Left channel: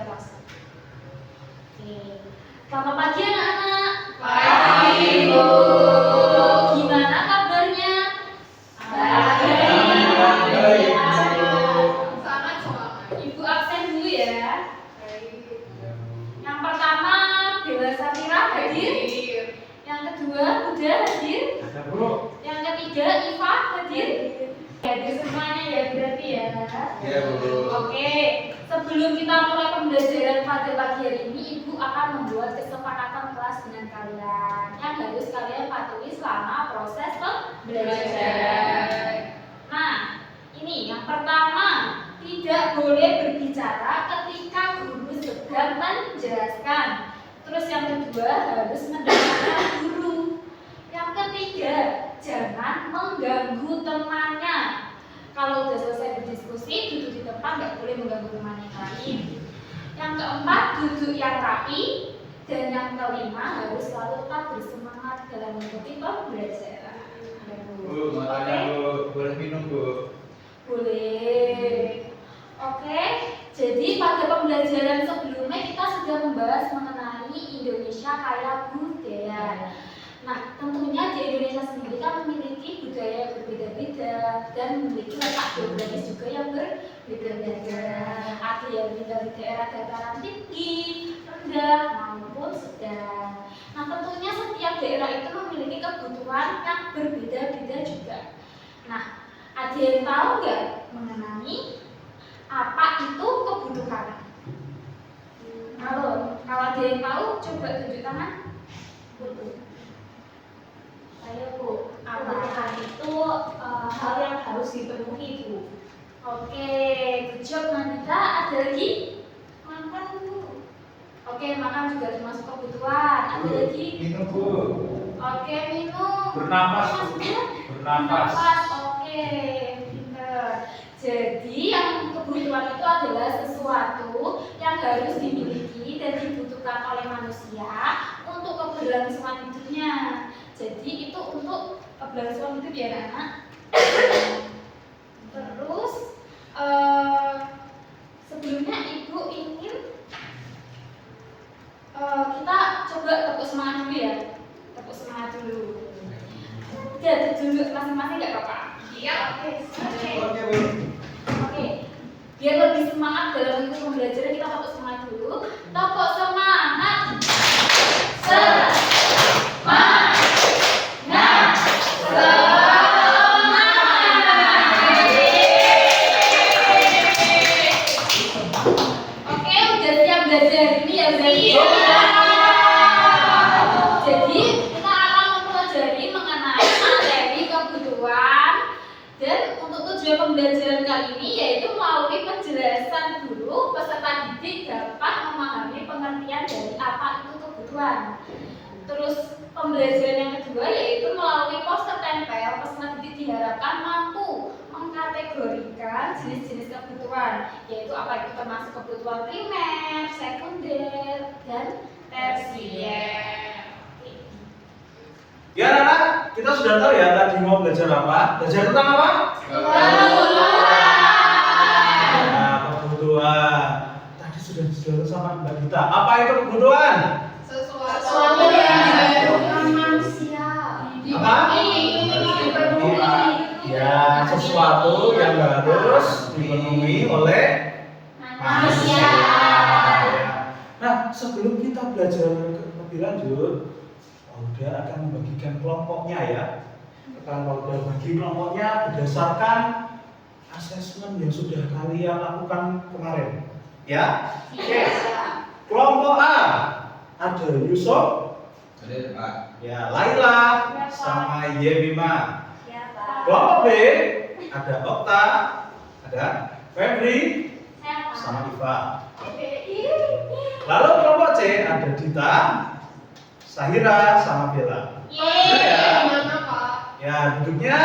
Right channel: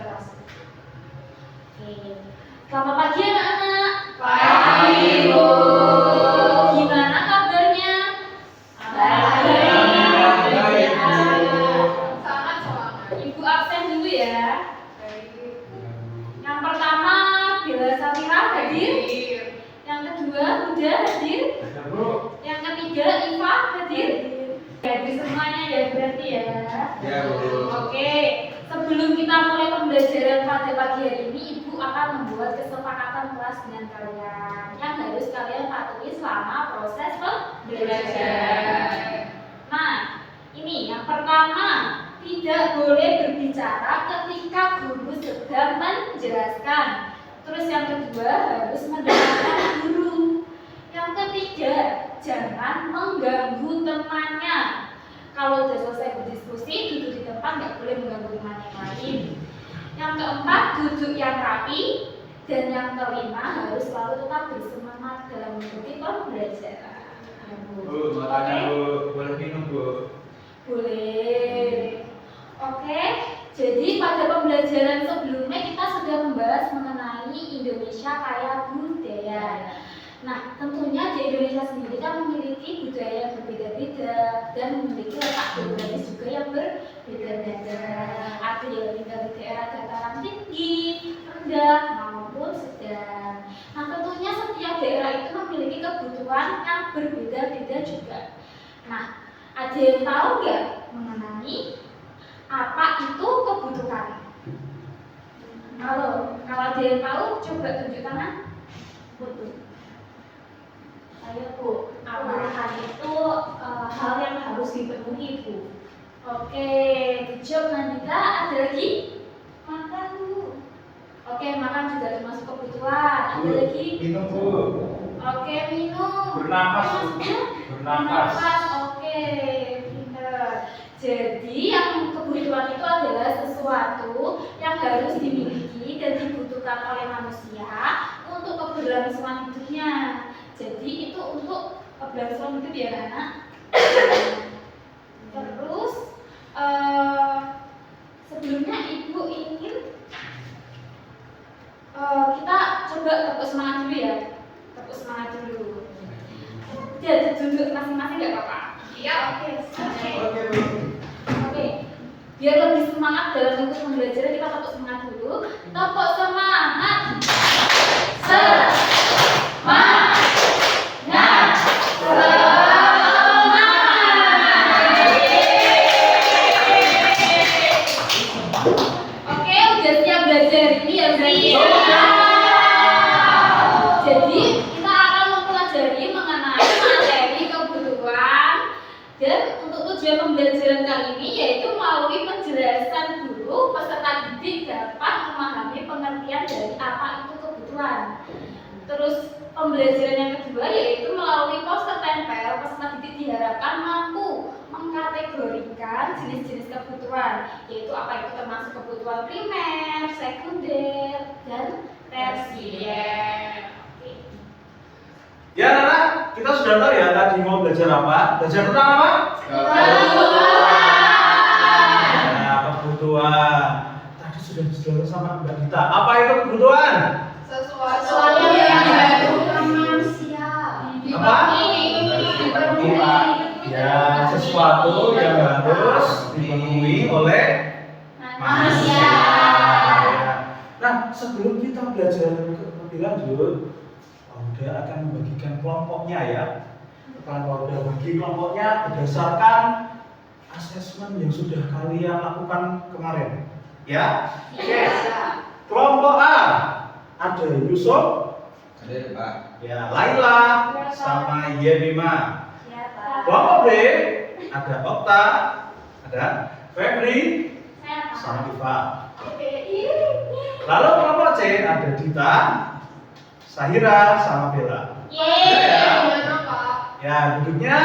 keras. Oke. Selamat pagi anak-anak. Pagi, Bu. Gimana kabarnya? Baik. Sangat semangat. Ibu absen dulu ya. Yang pertama Bella Safira hadir. Yang kedua Huda hadir. Yang ketiga Iva hadir. Hadir semuanya ya berarti ya. Ya, Bu. Oke. Sebelum kita mulai pembelajaran pada pagi hari ini, Ibu akan membuat kesepakatan kelas dengan kalian yang harus kalian patuhi selama proses pembelajaran. Nah, ini yang pertama, tidak boleh berbicara ketika guru sedang menjelaskan. Terus yang kedua, harus mendengarkan guru. Yang ketiga, jangan mengganggu temannya. Kalau udah selesai berdiskusi, duduk di tempat, nggak boleh mengganggu teman yang lain. Yang keempat, duduk yang rapi. Dan yang kelima, harus selalu tetap bersemangat dalam mengikuti pembelajaran. Bu, makanya Bu, boleh minum Bu. Boleh. Oke, jadi pada pembelajaran sebelumnya kita sudah membahas mengenai Indonesia kaya budaya. Nah, tentunya di Indonesia sendiri kan memiliki budaya yang berbeda-beda dan memiliki letak geografis juga yang berbeda-beda. Ada yang tinggal di daerah dataran tinggi, rendah, maupun sedang. Nah, tentunya setiap daerah itu memiliki kebutuhan yang berbeda-beda juga. Nah, ada yang tahu nggak mengenai apa itu kebutuhan? Kalau ada yang tahu, coba tunjuk tangan. Ayo Bu, kebutuhan itu hal yang harus dipenuhi Bu. Oke, good job Nandita. Ada lagi? Makan Bu. Oke, makan juga termasuk kebutuhan. Ada lagi? Minum Bu. Oke, minum. Bernapas, Bu. Maksudnya? Bernapas. Oke, pinter. Jadi yang kebutuhan itu adalah sesuatu yang harus dimiliki dan dibutuhkan oleh manusia untuk keberlangsungan hidupnya. Jadi itu untuk keberlangsungan hidup ya anak-anak. Terus sebelumnya Ibu ingin kita coba tepuk semangat dulu ya. Tepuk semangat dulu. Jadi duduk masing-masing nggak apa-apa. Iya. Oke Bu. Oke. Biar lebih semangat dalam mengikuti pembelajaran, kita tepuk semangat dulu. Tepuk semangat. Oke, udah siap belajar ini ya berarti ya. Jadi kita akan mempelajari mengenai materi kebutuhan dan untuk tujuan pembelajaran kali ini yaitu melalui penjelasan guru peserta didik dapat memahami pengertian dari apa itu kebutuhan. Terus pembelajaran yang kedua yaitu melalui poster tempel peserta didik diharapkan mampu mengkategorikan jenis-jenis kebutuhan, yaitu apa itu termasuk kebutuhan primer, sekunder, dan tersier. Ya anak, kita sudah tahu ya tadi mau belajar apa? Belajar tentang apa? Nah, kebutuhan. Tadi sudah dijelaskan sama Mbak Dita. Apa itu kebutuhan? Sesuatu yang dibutuhkan manusia. Apa? Ya, sesuatu yang harus dipenuhi oleh manusia. Ya. Nah, sebelum kita belajar lebih lanjut, Pauda akan membagikan kelompoknya ya. Akan Pauda bagi kelompoknya berdasarkan asesmen yang sudah kalian lakukan kemarin. Ya? Oke. Kelompok A ada Yusuf, Ada Pak. ya Laila, sama Yebima. Ya Pak. Kelompok B ada Okta, ada Febri, sama Iva. Lalu kelompok C ada Dita, Sahira, sama Bella. Benar ya? Ya, duduknya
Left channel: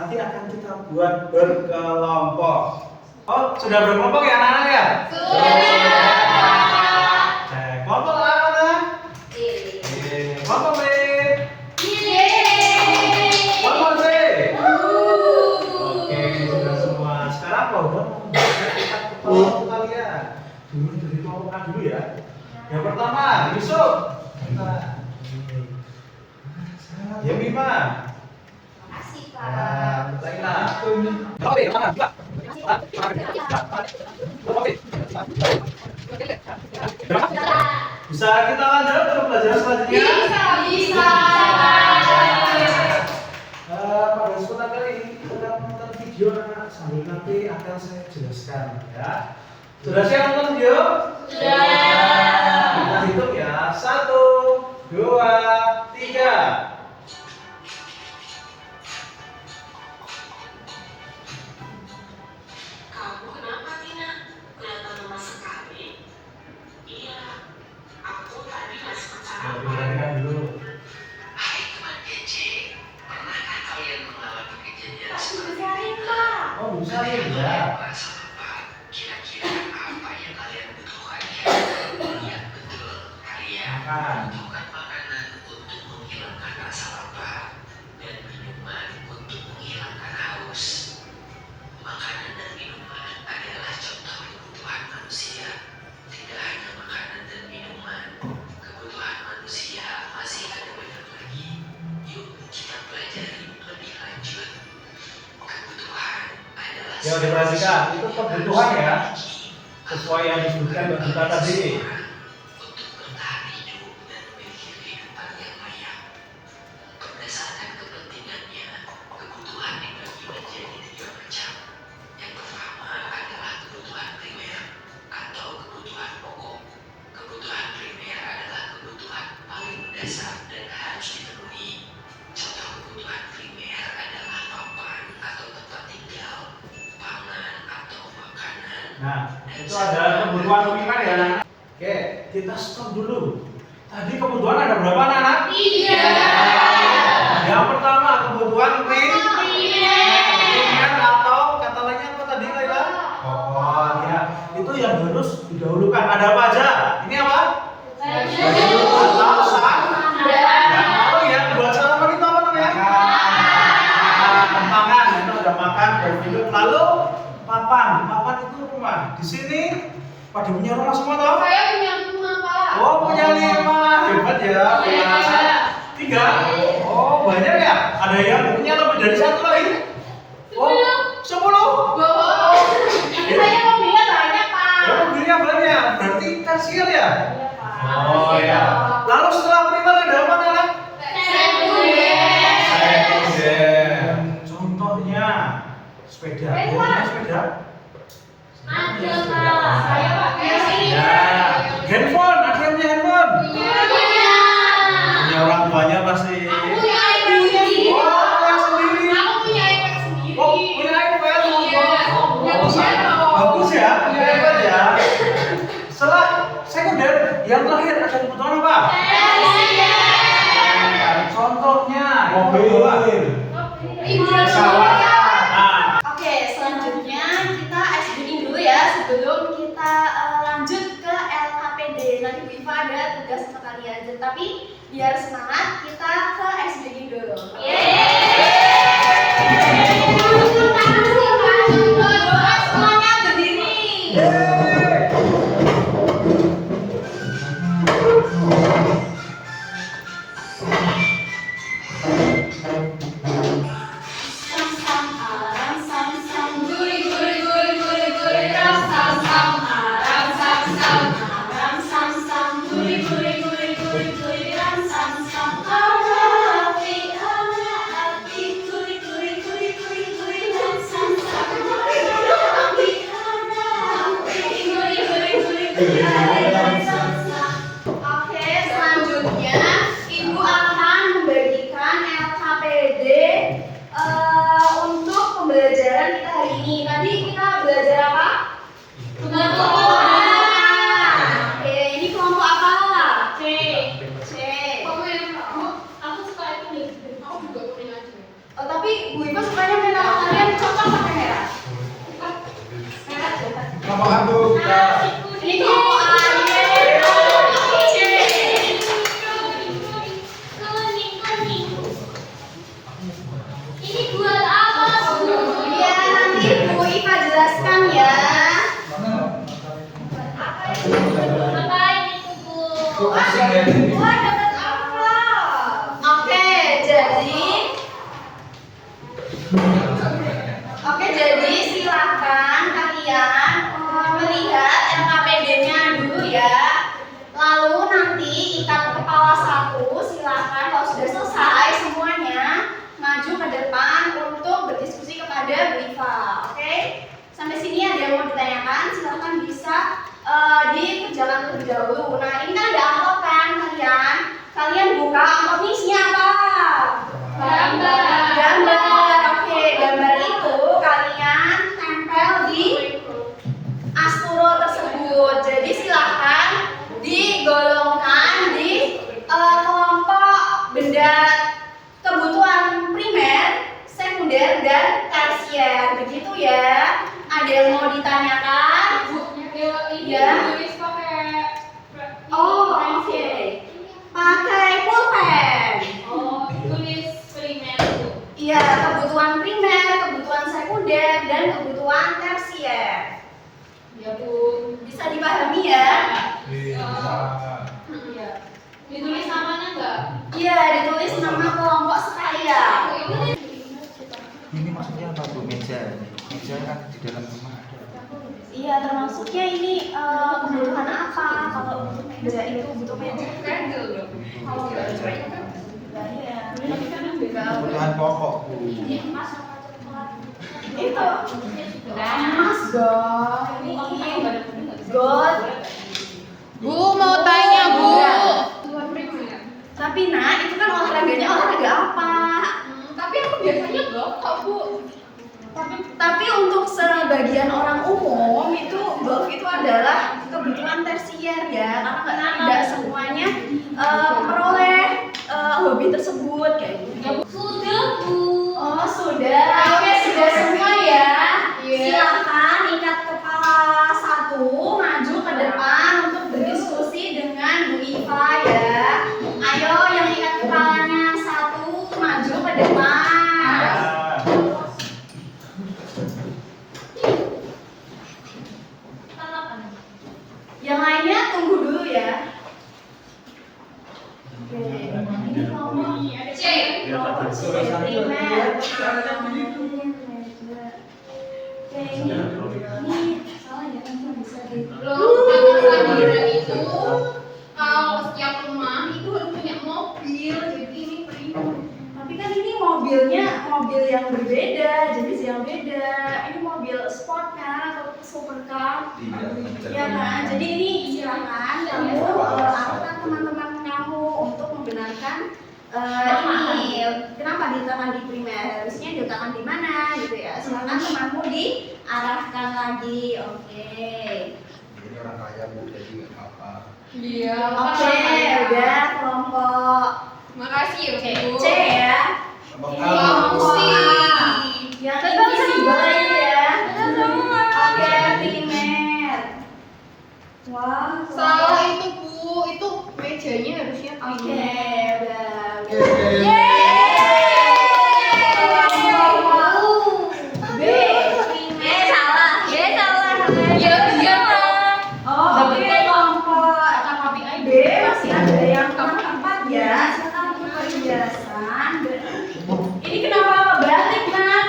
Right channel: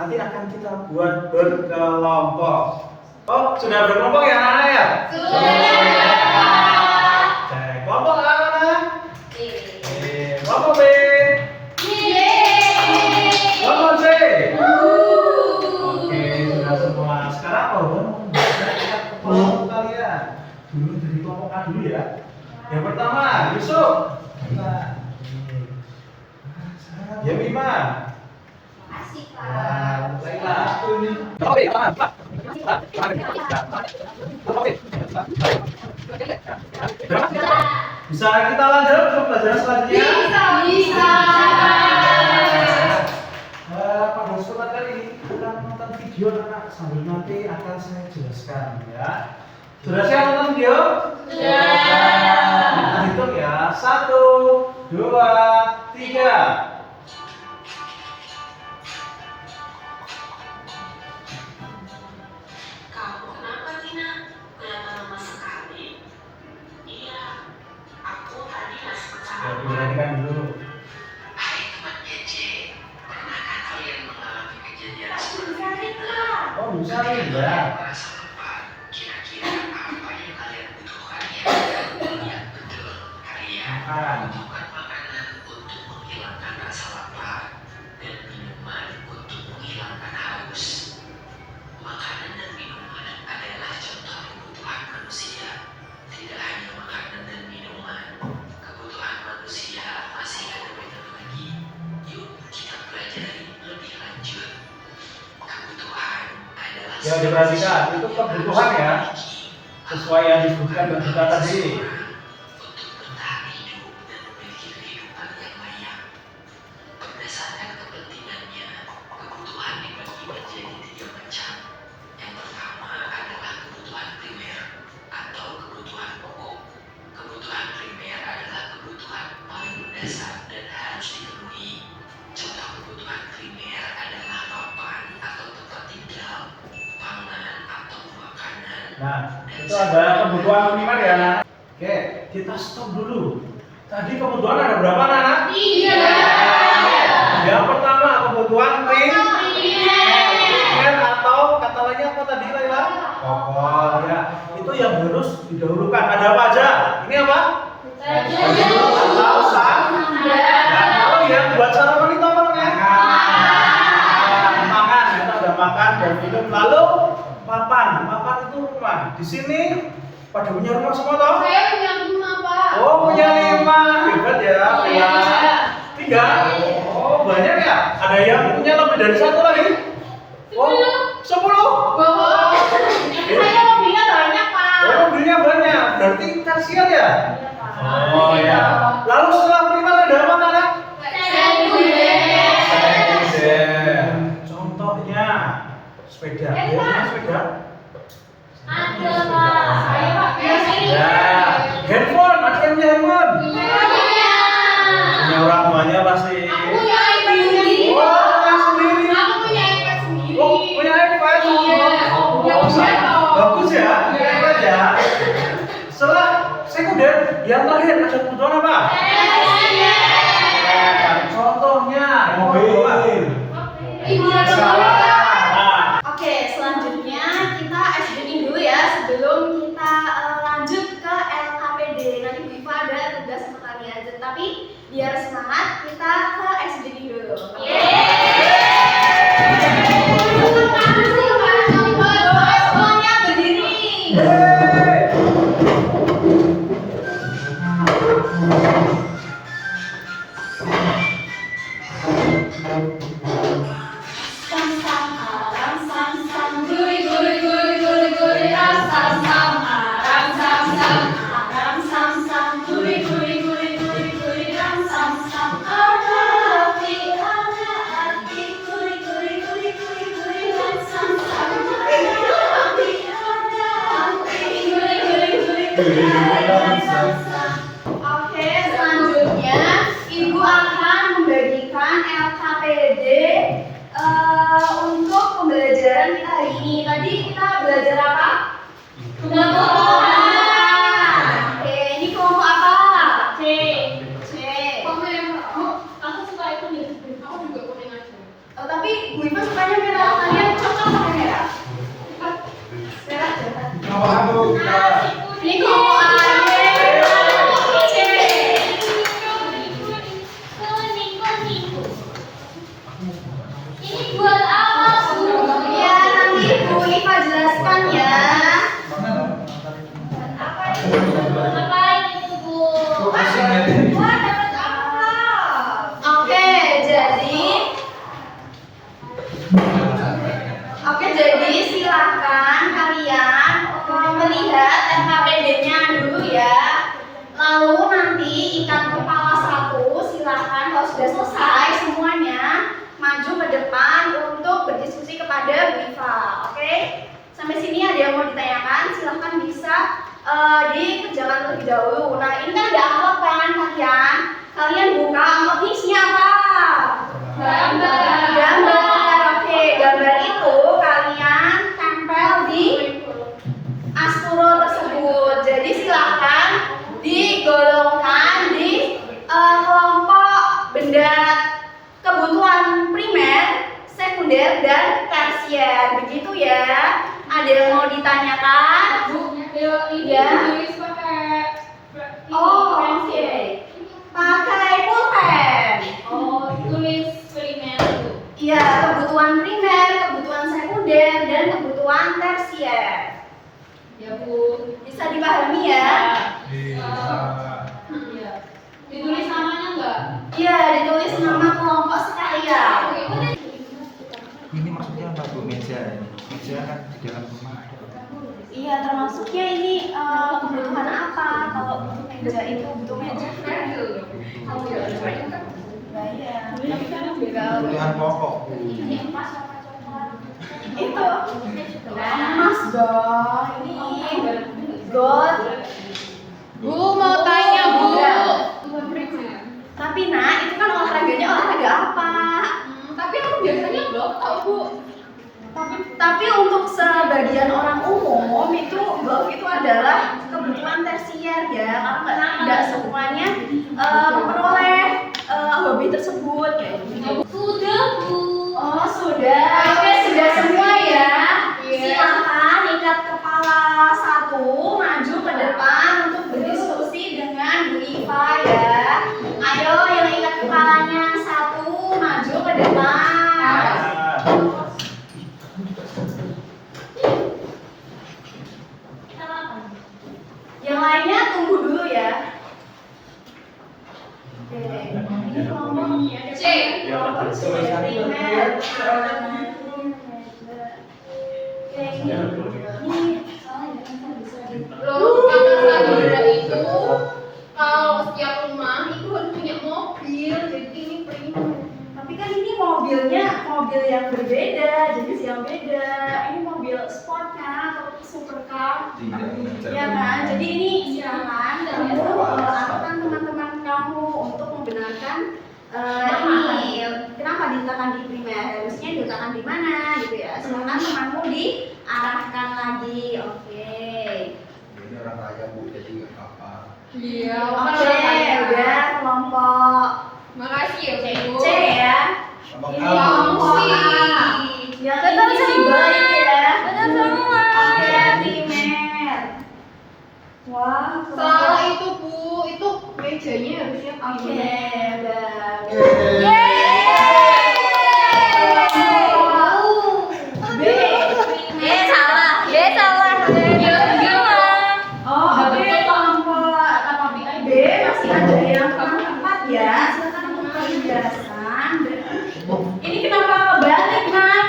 nanti akan kita buat berkelompok. Oh, sudah berkelompok ya anak-anak ya? Cek kelompok A mana? Kelompok B. Kelompok C. Oke, sudah semua. Sekarang kalau udah kita ke kelompok kalian. Dulu dari kelompok A dulu ya. Yang pertama, Yusuf. Yemima. Makasih, Laila. Oke, tangan, Pak. Bisa kita lanjut ke pelajaran selanjutnya? Bisa. Pada kesempatan kali ini kita nonton video anak sambil nanti akan saya jelaskan ya. Sudah siap nonton video? Ya. Kita hitung ya. 1, 2, 3. Kamu kenapa, Tina? Kelihatan lemas sekali. Iya, aku tadi nggak sempat sarapan. Perhatikan dulu. Hai teman kece, pernahkah kalian mengalami kejadian Aku seperti cari, ini? Kak. Oh, bisa Kalian ya. merasa lapar. Kira-kira apa yang kalian butuhkan ya? Iya betul, kalian Makan. membutuhkan makanan untuk menghilangkan rasa lapar dan minuman untuk menghilangkan haus. Makanan dan minuman adalah contoh kebutuhan manusia. Tidak hanya makanan dan minuman, kebutuhan manusia masih ada banyak lagi. Yuk kita pelajari lebih lanjut. Kebutuhan adalah Ya, diperhatikan. Itu kebutuhan ya. Sesuai yang disebutkan di kita tadi. untuk bertahan hidup dan memiliki kehidupan yang layak. Berdasarkan kepentingannya, kebutuhan dibagi menjadi 3 macam. Yang pertama adalah kebutuhan primer atau kebutuhan pokok. Kebutuhan primer adalah kebutuhan paling mendasar dan harus dipenuhi. Contoh kebutuhan primer adalah papan atau tempat tinggal, pangan atau makanan. Nah, itu ada kebutuhan primer ya, anak. Oke, kita stop dulu. Tadi kebutuhan ada berapa, anak? 3. Yang pertama kebutuhan primer atau kata lainnya apa tadi, Laila? Pokok ya. Itu yang harus didahulukan. Ada apa aja? Ini apa? Baju atau yang mau ya buat sarapan itu apa namanya? Makan. Itu ada makan dan minum. Lalu papan. Papan itu rumah. Di sini pada punya rumah semua toh? Saya punya rumah, Pak. Oh, punya 5. Hebat ya. Punya 3. Oh, banyak ya? Ada yang punya lebih dari 1 lagi? Oh, 10. Bawa. Saya mobilnya banyak, Pak. Oh, mobilnya banyak. Berarti tersier ya? Iya, Pak. Oh ya. Lalu setelah primer ada apa, Nana? Sekunder. Sekunder. Contohnya sepeda. Ya, punya sepeda? Ada, Pak. Saya, Pak. Ya. Handphone. Ada yang punya handphone? Punya orang tuanya pasti. Aku punya iPad sendiri. Oh, punya sendiri. Aku punya iPad sendiri. Oh, punya iPad. Iya. Bagus ya. Hebat ya. Setelah sekunder, yang terakhir ada kebutuhan apa? Contohnya mobil. Ibu dan Salah. bapak. Nah, Oke, selanjutnya kita SD-in dulu ya sebelum kita lanjut ke LKPD. Nanti Bu Iva ada tugas untuk kalian. Tapi biar semangat, kita ke SD-in dulu. Semuanya berdiri. Sam sam aram sam sam guri guri guri guri guri ram sam sam aram sam sam aram sam sam guri guri guri guri guri ram sam sam arati ana Ngapain itu, Bu? Asing ya ini. Wah, dapat apa? Oke, jadi silakan kalian melihat LKPD-nya dulu ya. Lalu nanti ikat kepala satu, silakan kalau sudah selesai semuanya maju ke depan untuk berdiskusi kepada Bu Iva. Oke? Sampai sini ada yang mau ditanyakan? Silakan bisa dikerjakan terlebih dahulu. Nah, ini kan ada amplop kan kalian? Kalian buka amplop ini isinya apa? Gambar. Oke, gambar itu kalian tempel di asturo tersebut. Jadi silahkan digolongkan di kelompok benda kebutuhan primer, sekunder, dan tersier. Begitu ya. Ada yang mau ditanyakan? Iya. Tulis pakai Oh, oke. Pakai pulpen. Oh, tulis primer Bu. Iya, kebutuhan primer, kebutuhan sekunder, dan kebutuhan tersier. Ya, Bu. Bisa dipahami ya? Iya. Ditulis namanya enggak? Iya, ditulis nama kelompok sekalian. Ini maksudnya apa Bu? Meja ini. Meja kan di dalam rumah ada. Iya, termasuknya ini kebutuhan apa? Kalau butuh meja itu butuh meja. Kalau nggak ada kan iya. Kebutuhan pokok Bu. Itu emas dong. Ini gold. Bu, mau tanya, Bu. Tapi nah, itu kan olahraganya olahraga apa? Tapi aku biasanya golf tau, Bu. Tapi untuk sebagian orang umum itu golf itu adalah kebutuhan tersier ya, karena tidak semuanya memperoleh hobi tersebut ya. Sudah, Bu. Oh sudah, oke sudah semua ya. Iya. Silakan ikat kepala satu, maju ke depan untuk berdiskusi dengan Bu Iva ya. Ayo yang ikat kepalanya satu, maju ke depan. Yang lainnya tunggu dulu ya. Oke, ini ngomong C. primer. Oke, ini salah ya kan bisa di. Loh, kata Sabira itu kalau setiap rumah itu harus punya mobil, jadi ini primer. Tapi kan ini mobilnya mobil yang berbeda, jenis yang beda. Ini mobil sport kan atau supercar. Ya kan, jadi ini silakan kamu arahkan teman-teman kamu untuk membenarkan ini kenapa diletakkan di primer, harusnya diletakkan di mana gitu ya. Silakan temanmu diarahkan lagi, oke. Ini orang kaya Bu, jadi nggak apa-apa. Iya, Oke, udah kelompok Makasih ya, Bu. C ya. Kelompok Iya, A, Bu. Kelompok A. Yang invisible ini ya. Oke, primer. Wah, Salah itu, Bu. Itu mejanya harusnya Oke, udah. B, primer. Salah. B salah. Ya, iya, Oh, oke, kelompok B masih ada yang keempat ya. Silakan untuk penjelasan. Ini kenapa kebalik, Mak?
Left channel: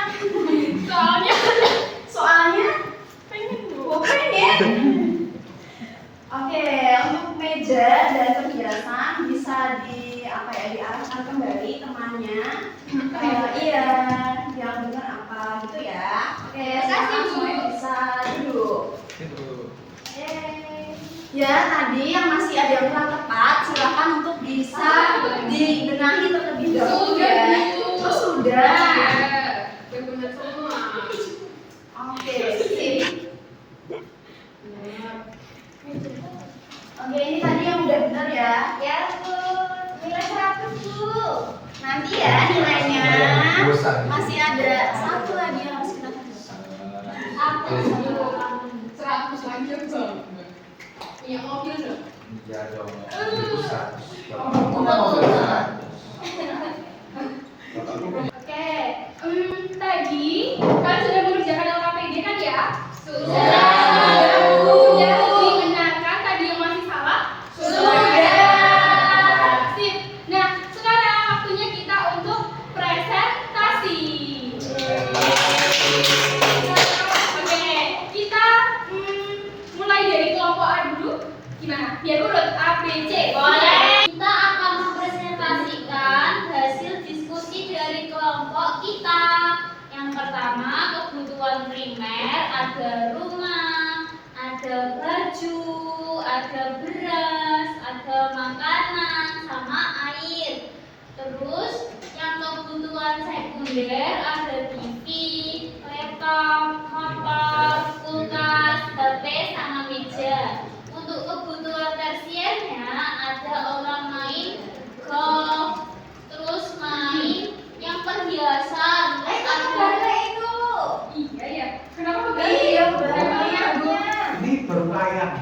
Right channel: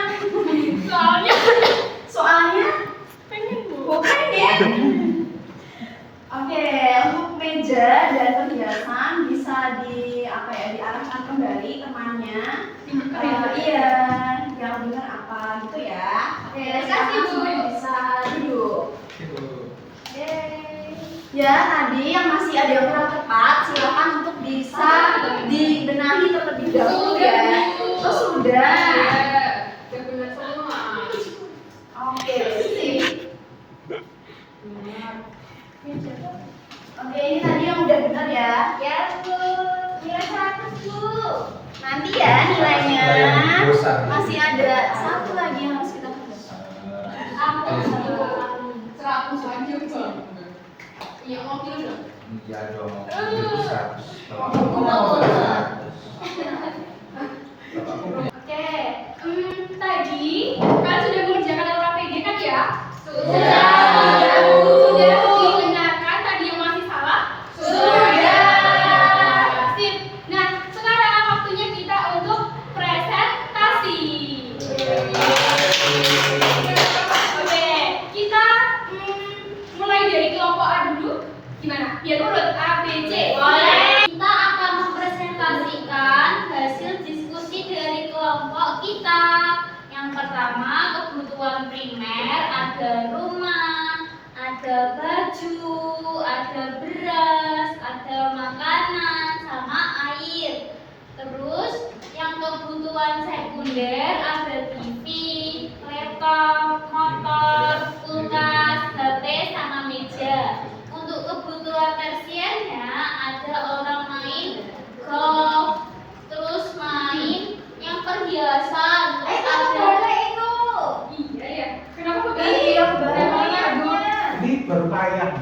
Soalnya pengen Oke, untuk meja dan perhiasan bisa diarahkan kembali temannya. Iya, yang benar apa gitu ya. Oke, Makasih, Bu. semuanya bisa duduk. Itu. Ya, tadi yang masih ada yang kurang tepat, silakan untuk bisa dibenahi terlebih dahulu ya. Oh, sudah. Udah benar semua. Oke, sip. Oke, ini tadi yang udah benar ya. Ya, Bu. Nilai 100, Bu. Nanti ya nilainya. Masih ada satu lagi yang harus kita kerjakan. 100 lagi, Bu. Iya, mobil dong. Iya dong. Itu 100. Oke, tadi kalian sudah mengerjakan LKPD kan ya? Sudah. Sudah dibenarkan tadi yang biar urut A, B, C. Boleh. Kita akan mempresentasikan hasil diskusi dari kelompok kita. Yang pertama, kebutuhan primer, ada rumah, ada baju, ada beras, ada makanan, sama air. Terus yang kebutuhan sekunder ada TV, laptop, motor, kulkas, HP, sama meja. Untuk kebutuhan tersiernya ada orang main golf, terus main yang perhiasan, ada iya ya. Kenapa Iya, barangnya Ini berkayang.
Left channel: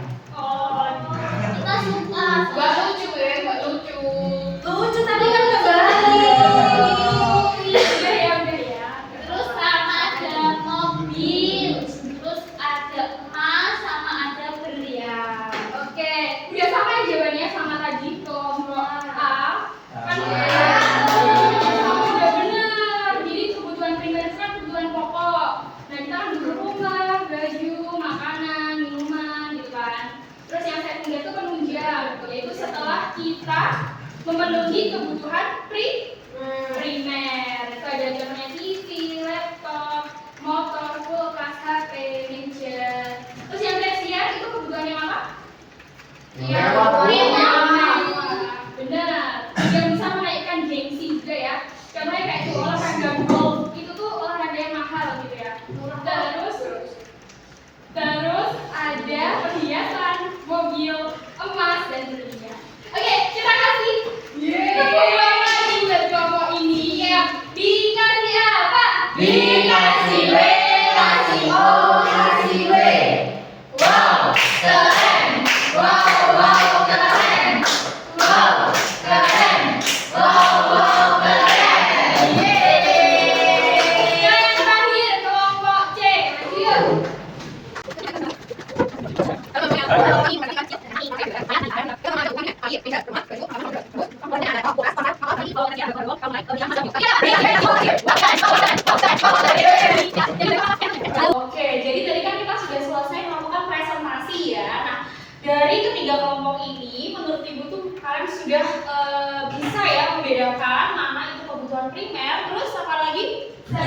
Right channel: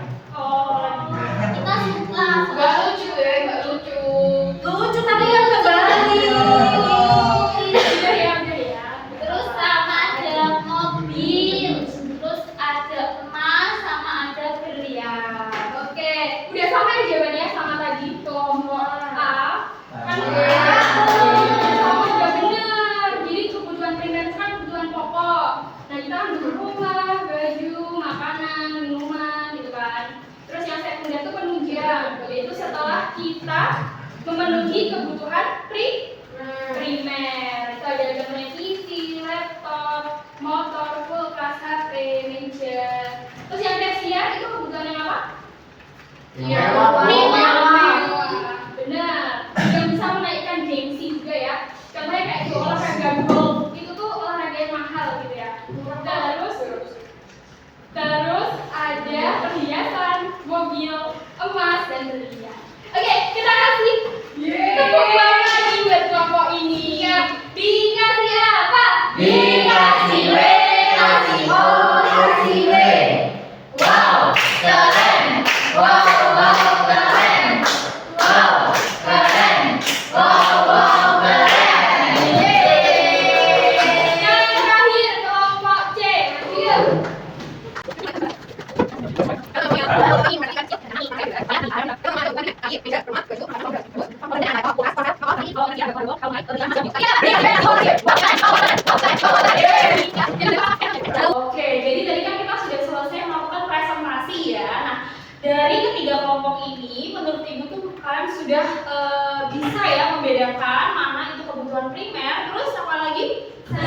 kita suka Gak lucu ya, gak lucu. lucu tapi yang terus sama ada mobil, terus ada emas, sama ada berlian. Oke, udah sama ya jawabannya sama tadi kelompok A. Kan udah bener. Jadi kebutuhan primer itu kan kebutuhan pokok. Nah kita kan butuh rumah, baju, makanan, minuman gitu kan. Terus yang sekunder itu penunjang, yaitu setelah kita memenuhi kebutuhan primer. Itu ada contohnya TV, laptop, motor, kulkas, HP, meja. Terus yang tersier itu kebutuhan yang apa? Yang mewah. Benar. Yang bisa menaikkan gengsi juga ya. Contohnya kayak itu olahraga golf, itu tuh olahraga yang mahal gitu ya. Terus ada perhiasan, mobil, emas, dan berlian. Oke, kita kasih tepuk tangan lagi buat kelompok ini. Ya, dikasih apa? Dikasih W, kasih O, kasih W. Wow, keren. Wow, wow, keren. Wow, keren. Wow, wow, keren. Yeay. Yang terakhir kelompok C. Ayo. Oke, jadi tadi kan kita sudah selesai melakukan presentasi ya. Nah, dari ketiga kelompok ini, menurut Ibu tuh kalian sudah bisa ya membedakan mana itu kebutuhan primer, terus apa lagi? Nah,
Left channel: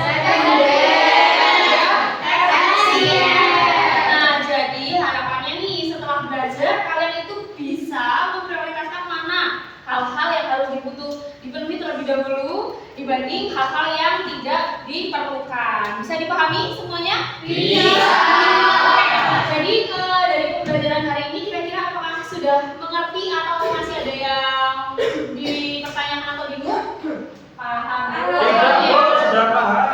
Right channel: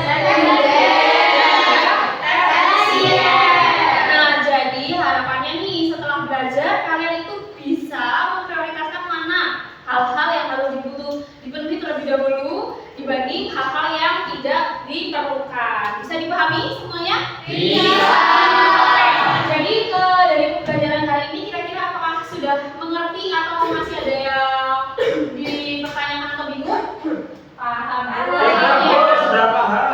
jadi harapannya nih setelah belajar kalian itu bisa memprioritaskan mana hal-hal yang harus dipenuhi terlebih dahulu dibanding hal-hal yang tidak diperlukan. Bisa dipahami semuanya? Bisa. Jadi dari pembelajaran hari ini kira-kira apakah sudah mengerti atau masih ada yang dipertanyakan atau bingung? Paham. Sudah paham.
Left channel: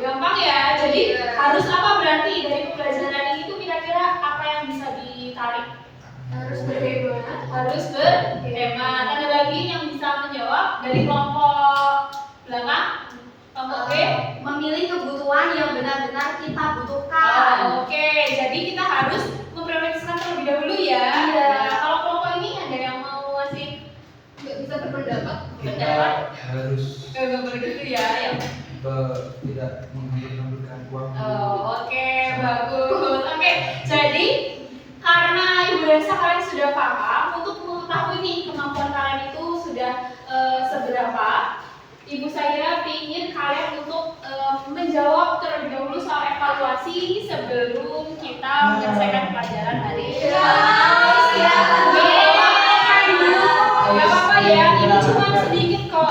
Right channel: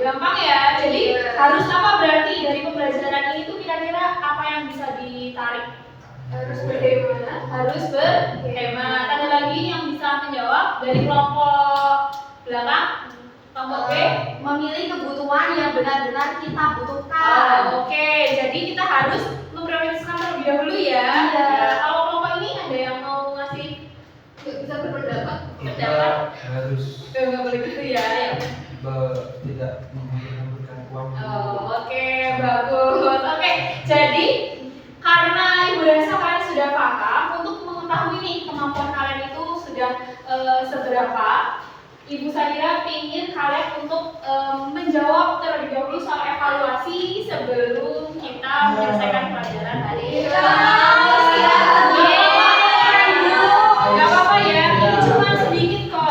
Gampang ya. Jadi harus apa berarti dari pembelajaran ini tuh kira-kira apa yang bisa ditarik? Harus berhemat. Harus berhemat. Ada lagi yang bisa menjawab dari kelompok belakang? Kelompok B? memilih kebutuhan yang benar-benar kita butuhkan. Oke, jadi kita harus memprioritaskan terlebih dahulu ya. Iya. Nah, kalau kelompok ini ada yang mau masih bisa berpendapat? Kita harus Nggak boleh gitu ya. tidak memberikan uang. Oke, bagus. Oke, jadi karena Ibu rasa kalian sudah paham, untuk mengetahui nih kemampuan kalian itu sudah seberapa, Ibu Syahira ingin kalian untuk menjawab terlebih dahulu soal evaluasi sebelum kita menyelesaikan pelajaran hari ini. Gak apa-apa ya, ini cuma sedikit kok.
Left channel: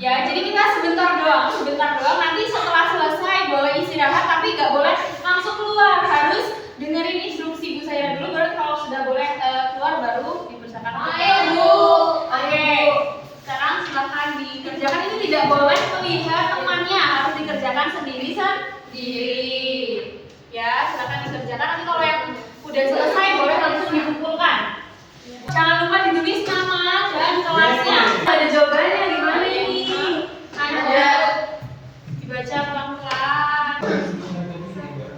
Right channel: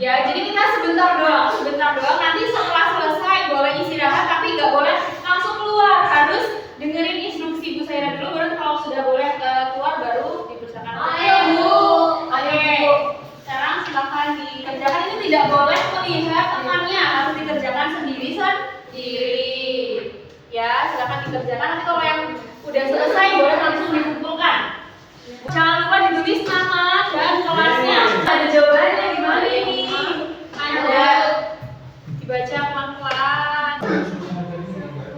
Ya, jadi kita sebentar doang. Nanti setelah selesai boleh istirahat, tapi nggak boleh langsung keluar. Harus dengerin instruksi Bu Syahira dulu, baru kalau sudah boleh keluar baru dipersilakan. Ayo, Bu. Oke, sekarang silakan dikerjakan. Ini tidak boleh melihat temannya, harus dikerjakan sendiri. Ya, silakan dikerjakan. Nanti kalau yang udah selesai boleh langsung dikumpulkan. Jangan lupa ditulis nama dan kelasnya. Ada jawabannya gimana ini? Ada. Dibaca pelan-pelan.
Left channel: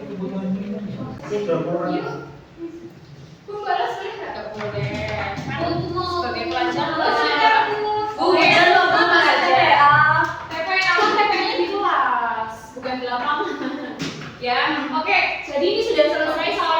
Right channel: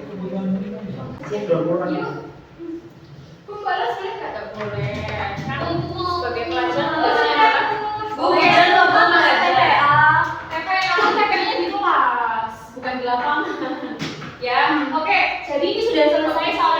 Kebutuhan primer. Sudah mulai. Bu balas boleh nggak? Boleh. Kan Untuk sebagai pelajar tugasnya Bu dan lomba TPA. TPA-nya di kelas, bukan di lapangan. Ya, oke. Jadi ini sudah selesai soal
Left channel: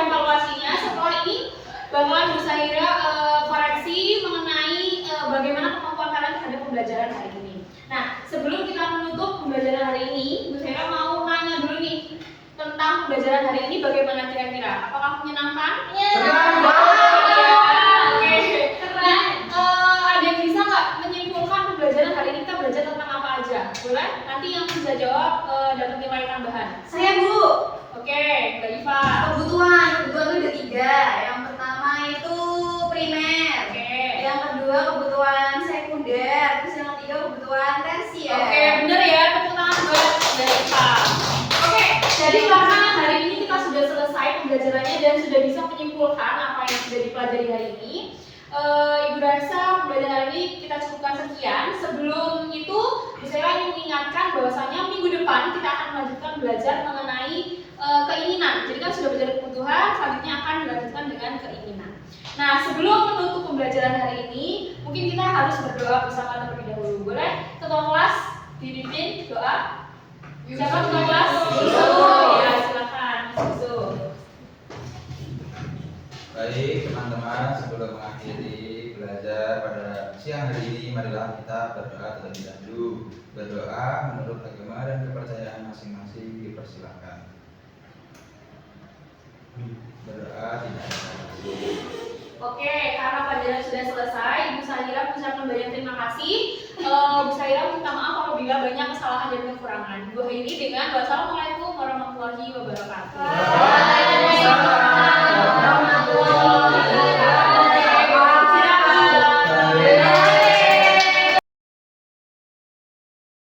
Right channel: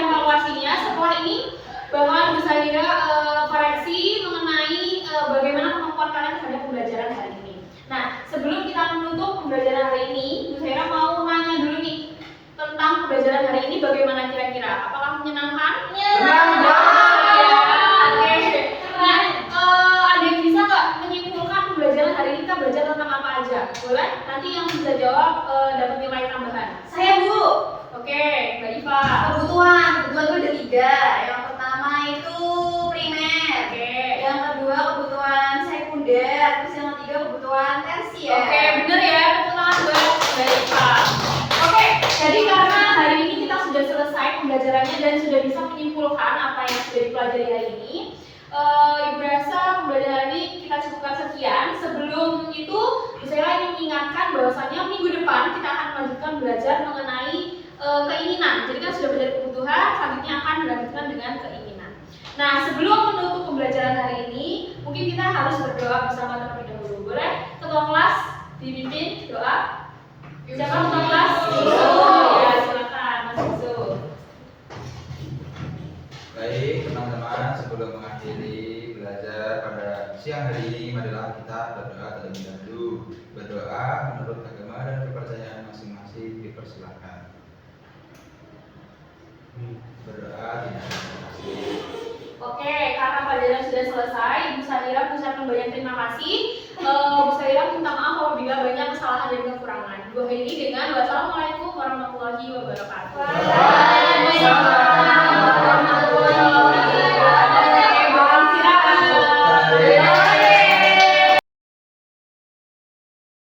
Sahira? Apakah menyenangkan? Senang banget. Ya, oke. Nah, ada yang bisa nggak menyimpulkan pembelajaran hari ini kita belajar tentang apa aja? Boleh? Nanti yang bisa jawab dapat nilai tambahan. Saya Bu. Oke, Mbak Iva. Kebutuhan itu ada 3. Yang pertama itu primer. Oke. Yang kedua kebutuhan sekunder. Terus yang ketiga kebutuhan tersier. Oke, bener ya. Tepuk tangan buat Mbak Iva. Oke, jadi karena hari ini kita sudah selesai pembelajarannya dan sudah bisa menyimpulkan apa yang sudah dipelajari hari ini. Ibu rasa pembelajaran ini kita cukupkan sekian. Sebelum itu, Bu Sela ingin mengingatkan bahwasanya minggu depan kita akan melanjutkan belajar mengenai keinginan. Jadi kan sudah belajar kebutuhan, selanjutnya akan dilanjutkan dengan keinginan. Nah, sebelum menutup pembelajaran hari ini, mungkin kita harus berdoa bersama terlebih dahulu. Boleh? Ketua kelas dipimpin doa. Siapa ketua kelas? Yusuf. Ya, silakan Mas Yusuf. Baik teman-teman, sebelum mengakhiri belajar pada siang hari ini, marilah kita berdoa terlebih dahulu. Berdoa menurut agama dan kepercayaan masing-masing dipersilakan. Berdoa tidak ada basa-basi. Oke, karena pelajaran sudah selesai, Ibu Sahira mengucapkan banyak terima kasih. Bu Sahira minta maaf apabila banyak kesalahan dan kekurangan. Bu akhiri dengan wassalamualaikum warahmatullahi wabarakatuh.